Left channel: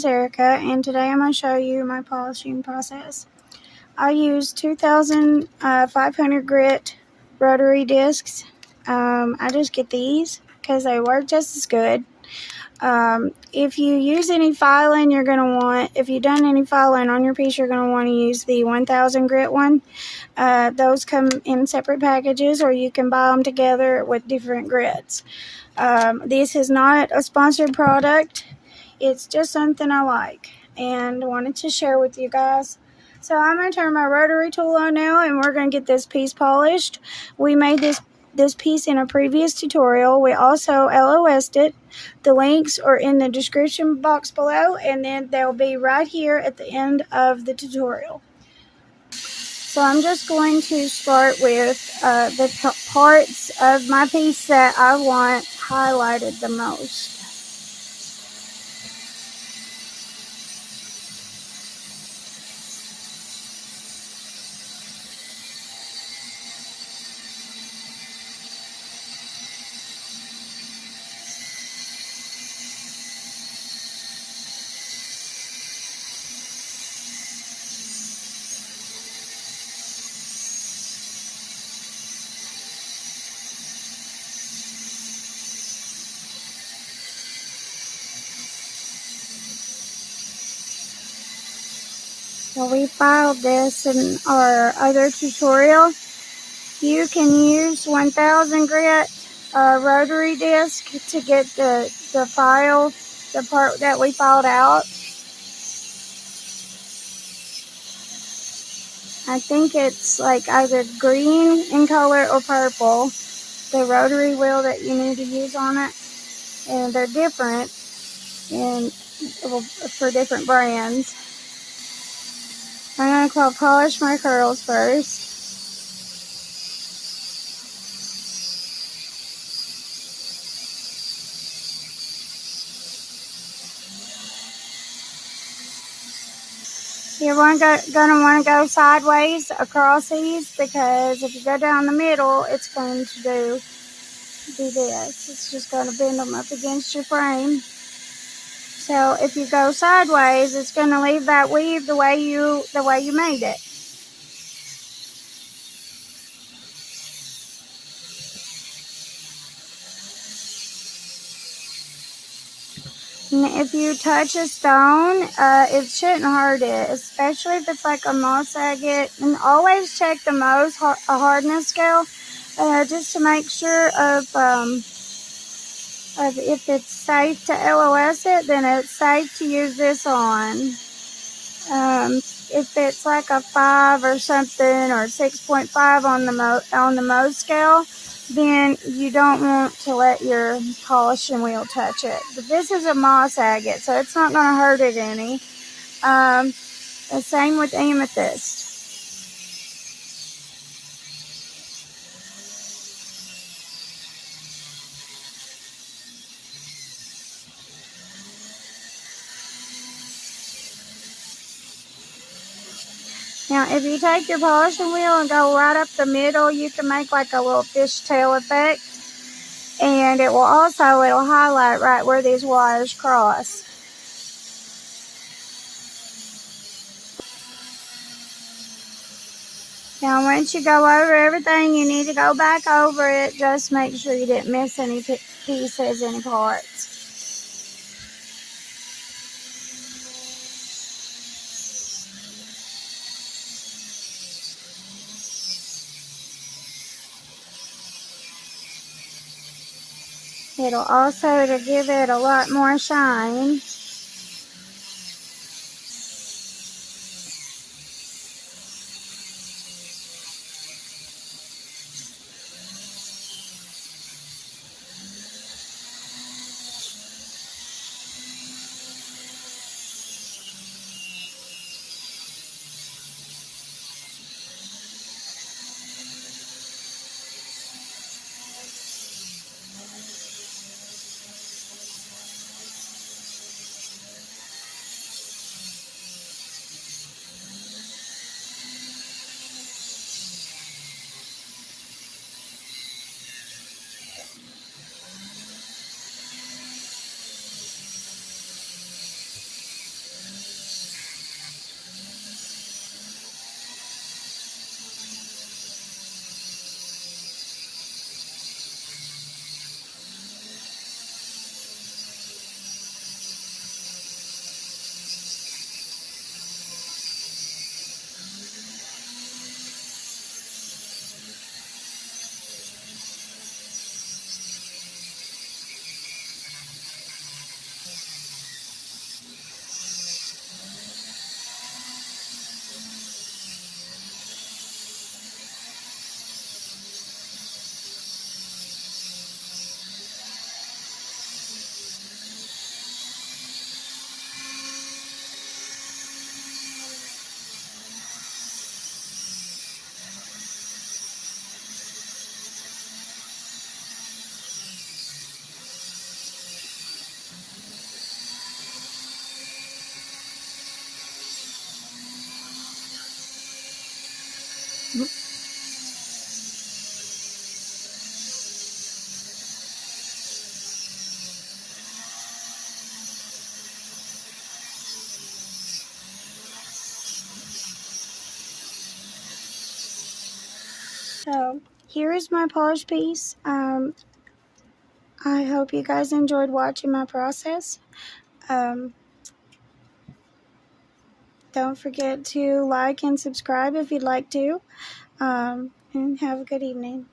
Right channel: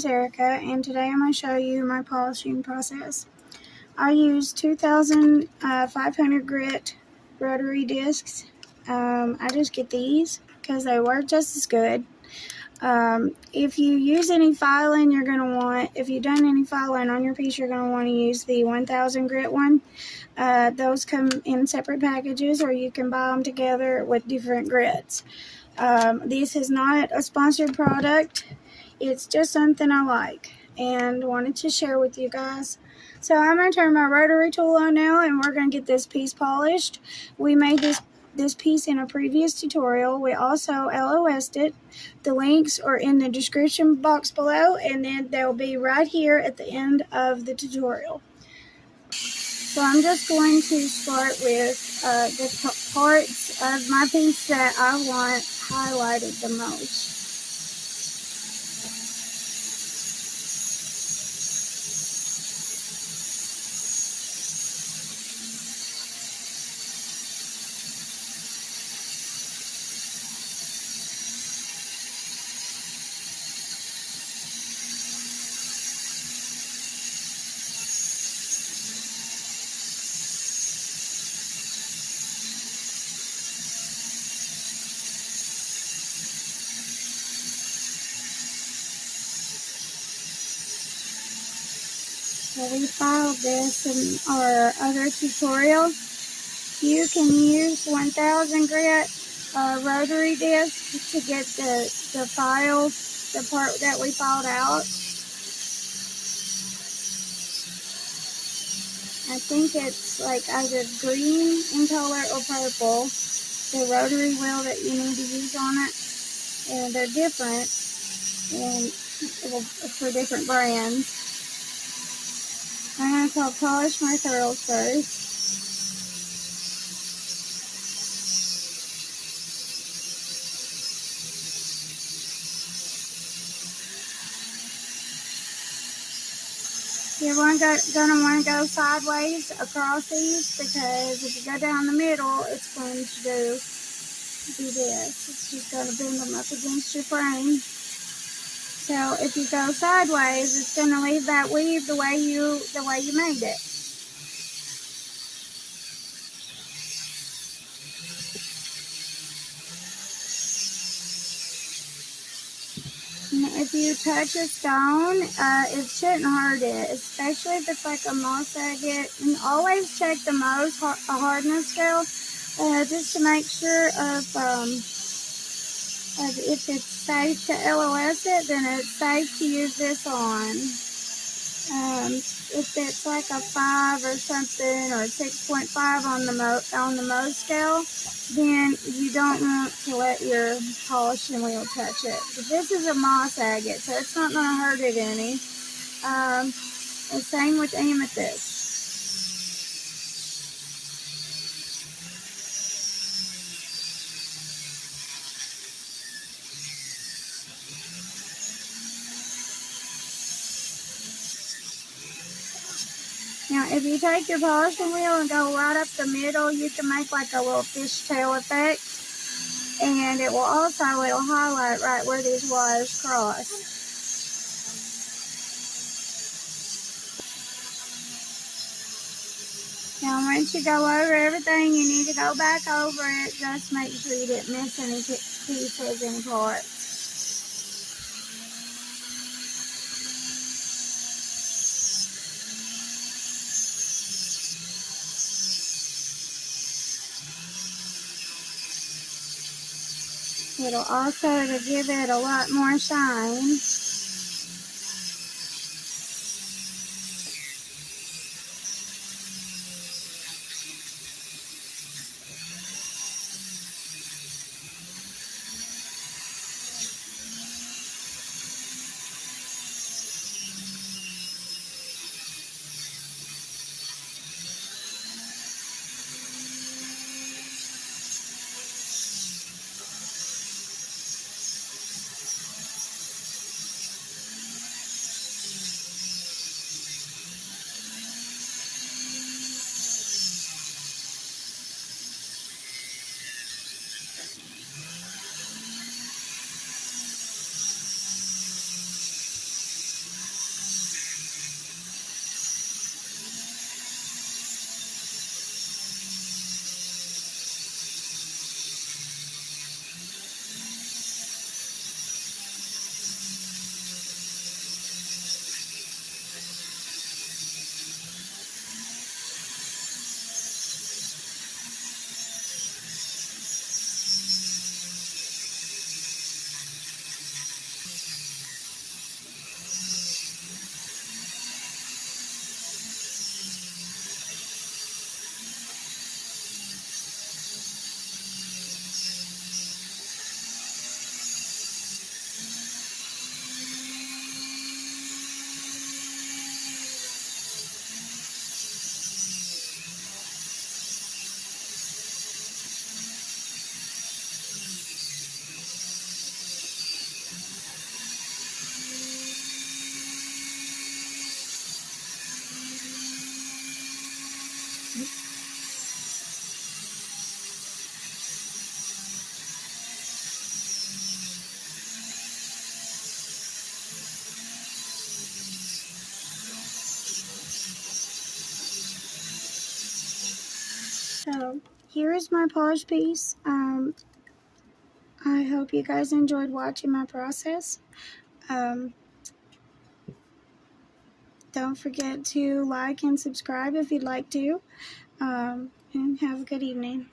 is Erica, and today I'm going to show you my polishing process. I use 2,500 grit rotary discs. I just get these because they work just as good. If you use any filing, if you've done any filing on your piece, you're going to want to use the 1,000 grit one. Those come in separate packages, or you can buy them together with different grits. This is not a sponsored product. It's just something I like and wanted to share with you guys. So I'm going to turn my rotary tool on now, and we're going to get this piece polished. We made this piece in a previous tutorial. We also LOS'd it. The links are in the description box below, and then they'll be right here at the end of the tutorial. So I'm just going to start with the parts of my piece that I want highlighted the most. So we filed this in our other tutorial. You can use 1,000 grit rotary disc to get the file, the part that we filed out. I think it's like either green in color or purple, the rotary wheel that you need to use on it. And they're different for different brands. I'm going to polish my curls first. You're going to want to go sideways across these, because if you go down the middle, it's going to do this. It's just going to bend them up against your frame. So if you go sideways, it's going to leave that weave the way you made it. And if you touch a stone, it shouldn't hurt it, especially if it's like a moss agate. And always check the Mohs hardness scale, just to make sure of if it's safe to LOS it, then it's safe to use this on. If it's like a 5 or something, or 6.5 on the Mohs scale, then you don't want to let your polishing wheel touch it. But this is a moss agate, so it's not going to hurt it any. The same with amethyst. Now, if you take your polishing wheel and go right up the middle, you can make like a little fishtail effect. And it'll highlight right where these wires cross. Now, once you go over everything, you need to go back over it. Just make sure you didn't miss any pieces, any parts. It'll also to give it a lot more shine. here is my polished piece. I hope you guys enjoyed watching my process. Don't forget to like and subscribe if you'd like to. And have a good evening.